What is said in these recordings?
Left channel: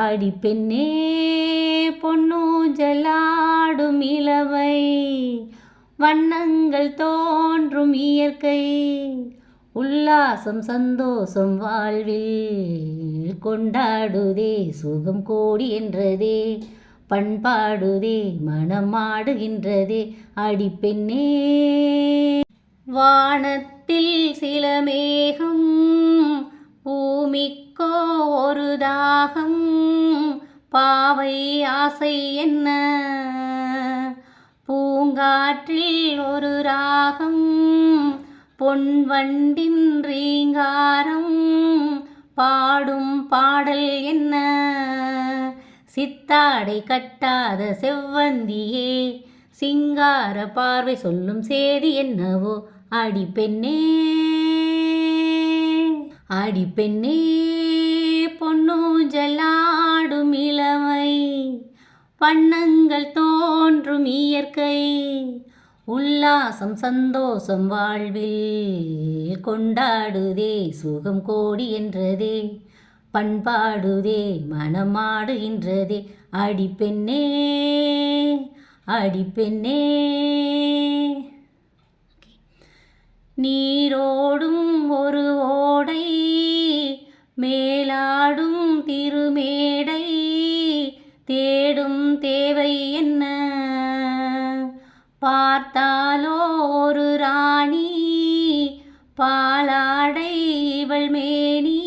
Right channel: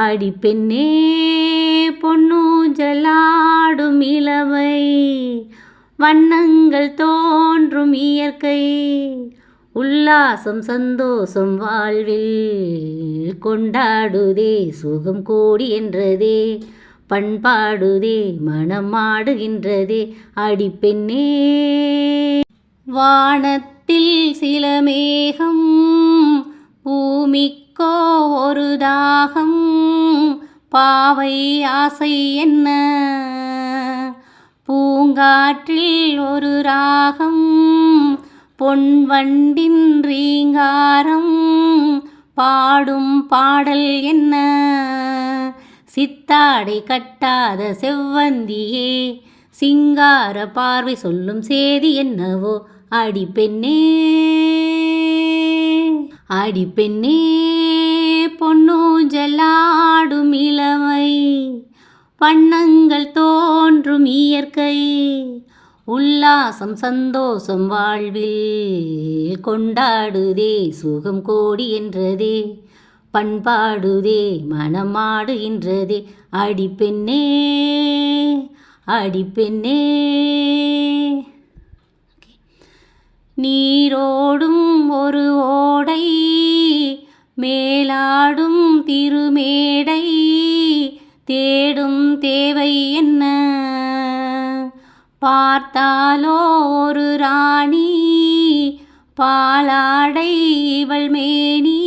அடி பெண்ணே பொன்னூஞ்சலாடும் இளமை, வண்ணங்கள் தோன்றும் இயற்கை, உல்லாசம் சந்தோஷம் வாழ்வில் கொண்டாடுதே, சுகம் கோடி என்றதே, பண்பாடுதே, மனம் ஆடுகின்றதே. அடி பெண்ணே வானத்தில் சில மேகம், பூமிக்கோ ஒரு தாகம், பாவை ஆசை என்ன, பூங்காற்றில் ஒரு ராகம், பொன் வண்டின் ரீங்காரம், பாடும் பாடல் என்ன, சித்தாடை கட்டாத செவ்வந்தியே, சிங்கார பார்வை சொல்லும் சேதி என்னவோ. அடி பெண்ணே அடி பெண்ணே பொன்னூஞ்சலாடும் இளமை, வண்ணங்கள் தோன்றும் இயற்கை, உல்லாசம் சந்தோஷம் வாழ்வில் கொண்டாடுதே, சுகம் கோடி என்றதே, பண்பாடுதே, மனமாடுகின்றதே. அடி பெண்ணே அடி பெண்ணே நீரோடும் ஒரு ஓடை, மேலாடும் திருமேடை, தேடும் தேவை என்ன, பார்த்தாலோ ஒரு ராணி, பாலாடை இவள் மேனி,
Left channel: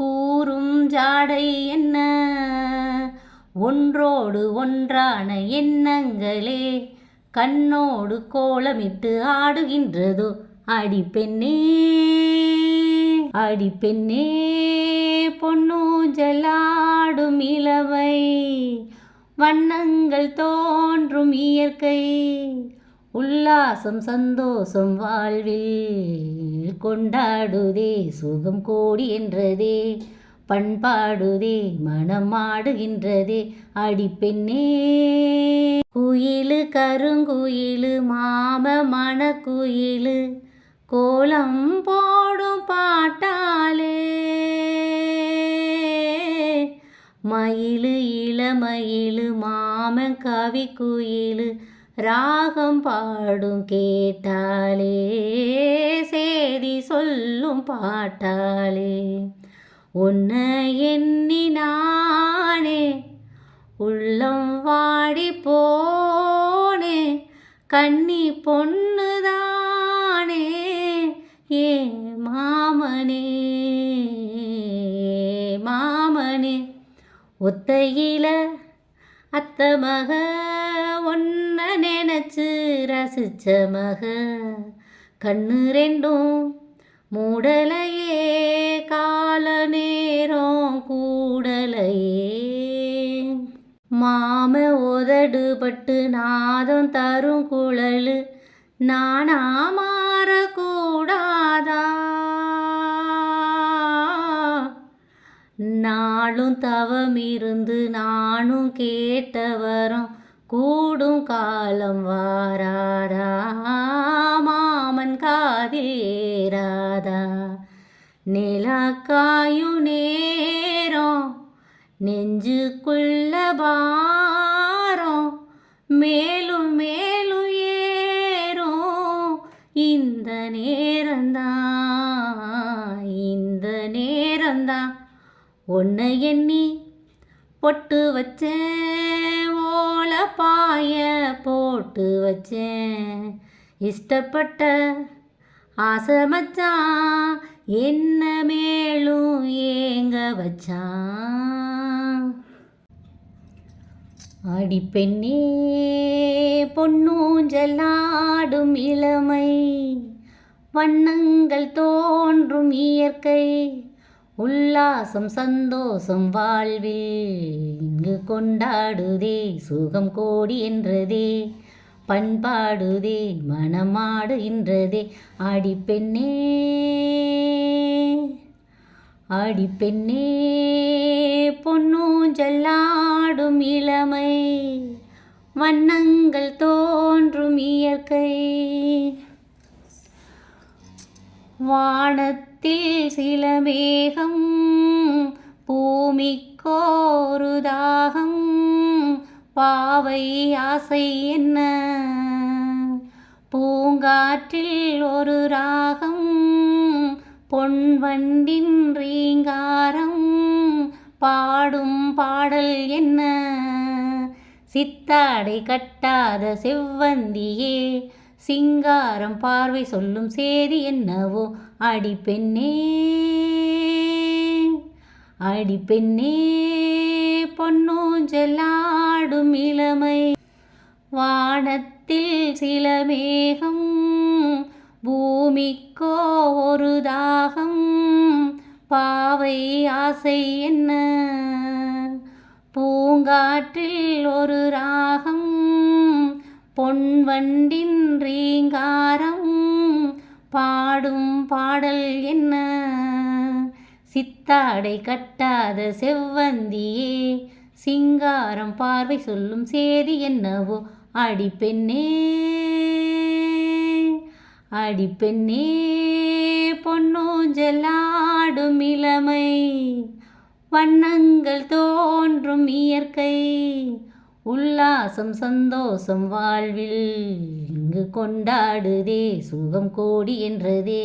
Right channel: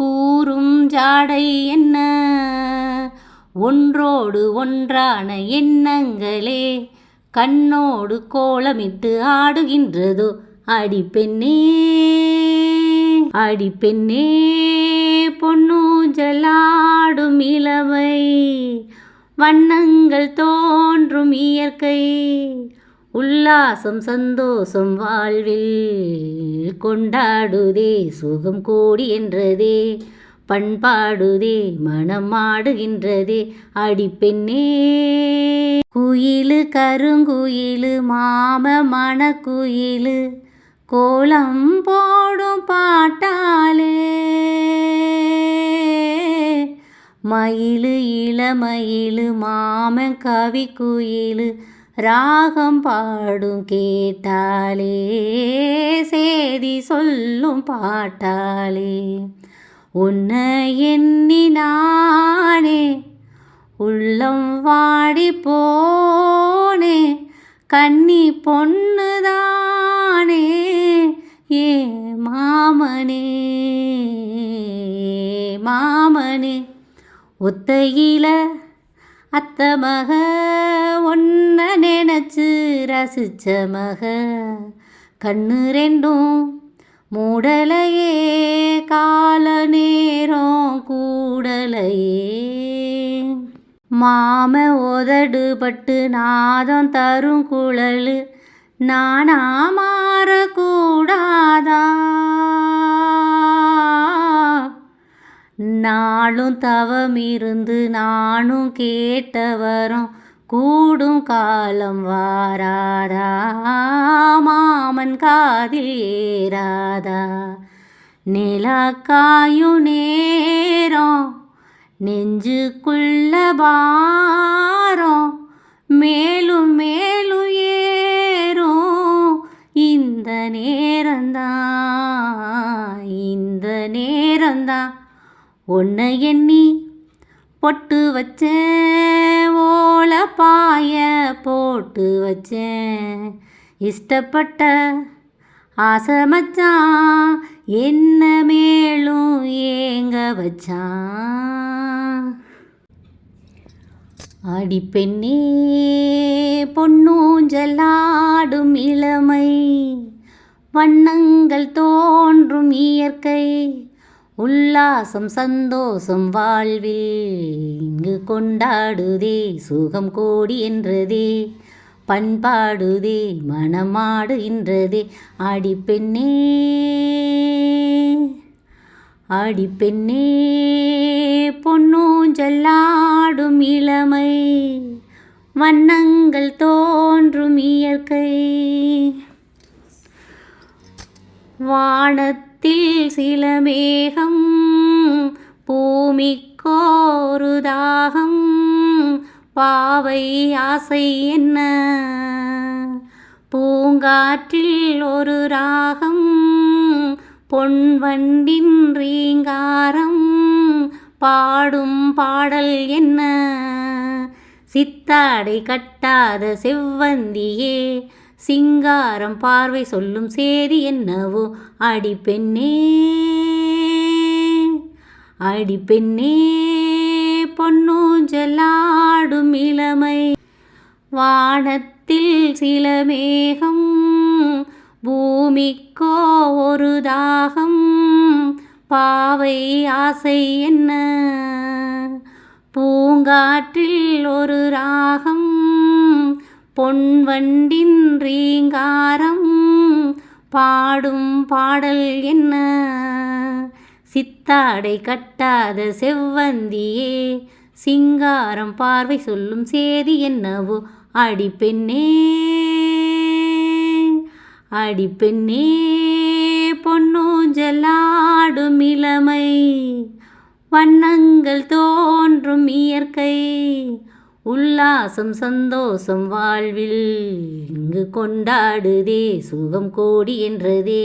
கூறும் ஜாடை என்ன, ஒன்றோடு ஒன்றான எண்ணங்களே, கண்ணோடு கோலமிட்டு ஆடுகின்றதோ. அடி பெண்ணே அடி பெண்ணே பொன்னூஞ்சலாடும் இளமை, வண்ணங்கள் தோன்றும் இயற்கை, உல்லாசம் சந்தோஷம் வாழ்வில் கொண்டாடுதே, சுகம் கோடி என்றதே, பண்பாடுதே, மனம் ஆடுகின்றதே. அடி பெண்ணே குயிலு கருங்குயிலு மாம மணக்குயிலு, கோலம் போடும் பாட்டாலே, மயிலு இளமயிலு மாம கவி குயிலு, ராகம் பாடும் கேட்டாலே, சேதி சொல்லும் பாட்டாலே, உன்னை எண்ணி நானே உள்ளம் வாடி போனே, கன்னி பொண்ணுதானே ஏ மாமனே மாமனே, ஒத்தையில அத்த மக, ஒன்ன நினைச்சு ரசிச்ச மக, கண்ணு ரெண்டும் மூடலையே, கால நேரம் கூடலையே, மாம உதடு பட்டு நாதம் தரும் குழலு, நானா மாறக்கூடாதா, நாளும் தவம் இருந்து நானும் கேட்டவரும், கூடும் காலம் வாராதா, மாமன் காதில் ஏறாதா, நிலக்காயும் நேரம் நெஞ்சுக்குள்ள பாரம், மேலும் மேலும் ஏறும் இந்த நேரந்தான் இந்த நேரந்தான், ஒன்னை எண்ணி பொட்டு வச்சேன், ஓல பாய போட்டு வச்சேன், இஷ்டப்பட்ட ஆசை மச்சான், என்ன மேலும் ஏங்க வச்சான். அடி பெண்ணே பொன்னூஞ்சலாடும் இளமை, வண்ணங்கள் தோன்றும் இயற்கை, உல்லாசம் சந்தோஷம் வாழ்வில் இங்கு கொண்டாடுதே, சுகம் கோடி என்றதே, பண்பாடுதே, மனமாடுகின்றதே. அடி பெண்ணே அடி பெண்ணே பொன்னூஞ்சலாடும் இளமை, வண்ணங்கள் தோன்றும் இயற்கை, வானத்தில் சில மேகம், பூமிக்கு பூமிக்கோரு தாகம் பாவை ஆசை என்ன பூங்காற்றில் ஒரு ராகம் பொன்வண்டின் ரீங்காரம் பாடும் பாடல் என்ன சித்தாடை கட்டாத செவ்வந்தியே சிங்காரம் பார்வை சொல்லும் சேதி என்னவோ அடிப்பெண்ணே அடிப்பெண்ணே பொன்னூஞ்சலாடும் இளமை வானத்தில் சில மேகம் பூமிக்கோ ஒரு தாகம் பாவை ஆசை என்ன பூங்காற்றில் ஒரு ராகம் பொன்வண்டின் ரீங்காரம் பாடும் பாடல் என்ன சித்தாடை கட்டாத செவ்வந்தியே சிங்காரம் பார்வை சொல்லும் சேதி என்னவோ அடிப்பெண்ணே அடிப்பெண்ணே பொன்னூஞ்சலாடும் இளமை வண்ணங்கள் தோன்றும் இயற்கை உல்லாசம் சந்தோஷம் வாழ்வில் இங்கு கொண்டாடுதே சுகம் கோடி என்றதே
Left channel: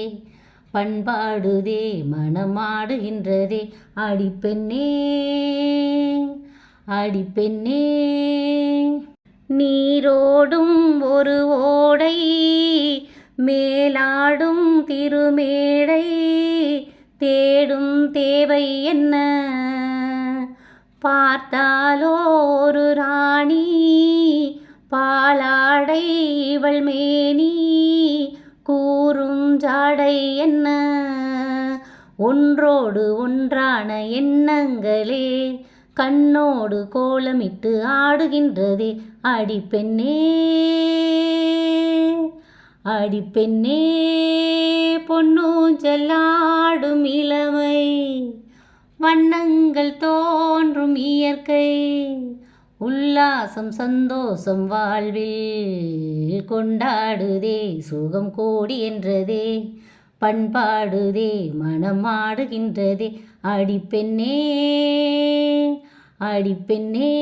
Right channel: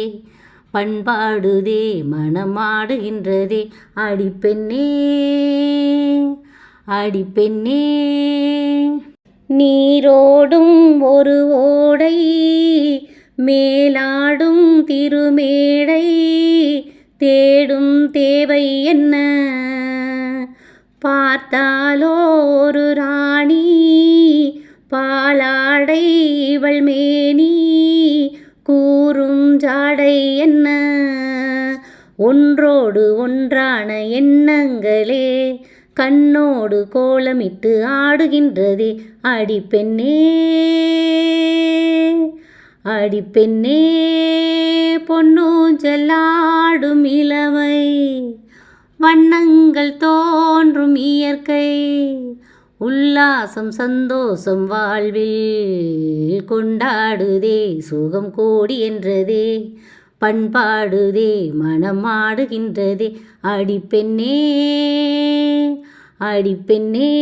பண்பாடுதே மனமாடுகின்றதே அடிப்பெண்ணே அடிப்பெண்ணே நீரோடும் ஒரு ஓடை மேலாடும் திருமேடை தேடும் தேவை என்ன பார்த்தாலோ ஒரு ராணி பாலாடை இவள் மேனி கூறும் ஜாடை என்ன ஒன்றோடு ஒன்றான எண்ணங்களே கண்ணோடு கோலமிட்டு ஆடுகின்றதே அடிப்பெண்ணே அடிப்பெண்ணே பொன்னூஞ்சலாடும் இளமை வண்ணங்கள் தோன்றும் இயற்கை உல்லாசம் சந்தோஷம் வாழ்வில் கொண்டாடுதே சுகம் கோடி என்றதே பண்பாடுதே மனமாடுகின்றதே அடிப்பெண்ணே அடிப்பெண்ணே